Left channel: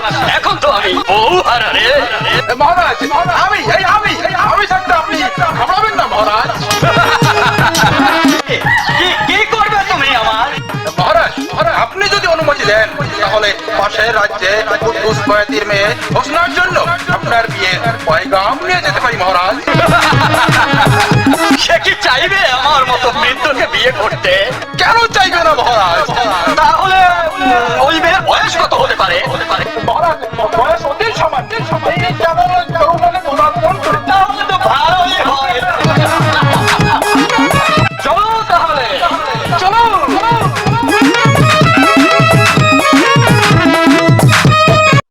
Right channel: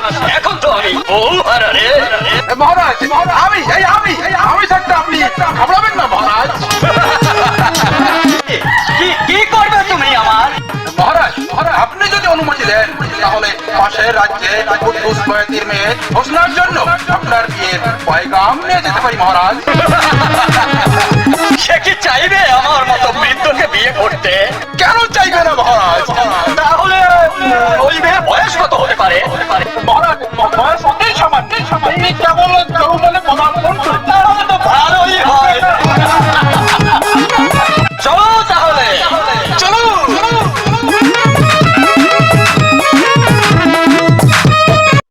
সাথে। এখন তো আমি বউ হারা রে। মহারাজ আমি থাকতে আপনি ঘাবড়াবেন না মহারাজ। কি করবে তুমি আমার? মহারাজ আপনি যদি অনুমতি দেন তাহলে পাশের রাজ্যে কুদ্দুস বয়াতির মেয়ে হোসনার জন্য আপনার বিয়ে পয়গাম নিয়ে যেতে পারি মহারাজ। সে কি চাইবে আমার মতো বৃদ্ধকে বিয়ে করতে? কেন চাইবে না মহারাজ? তাহলে ওই মেয়ে বয়স কত হতে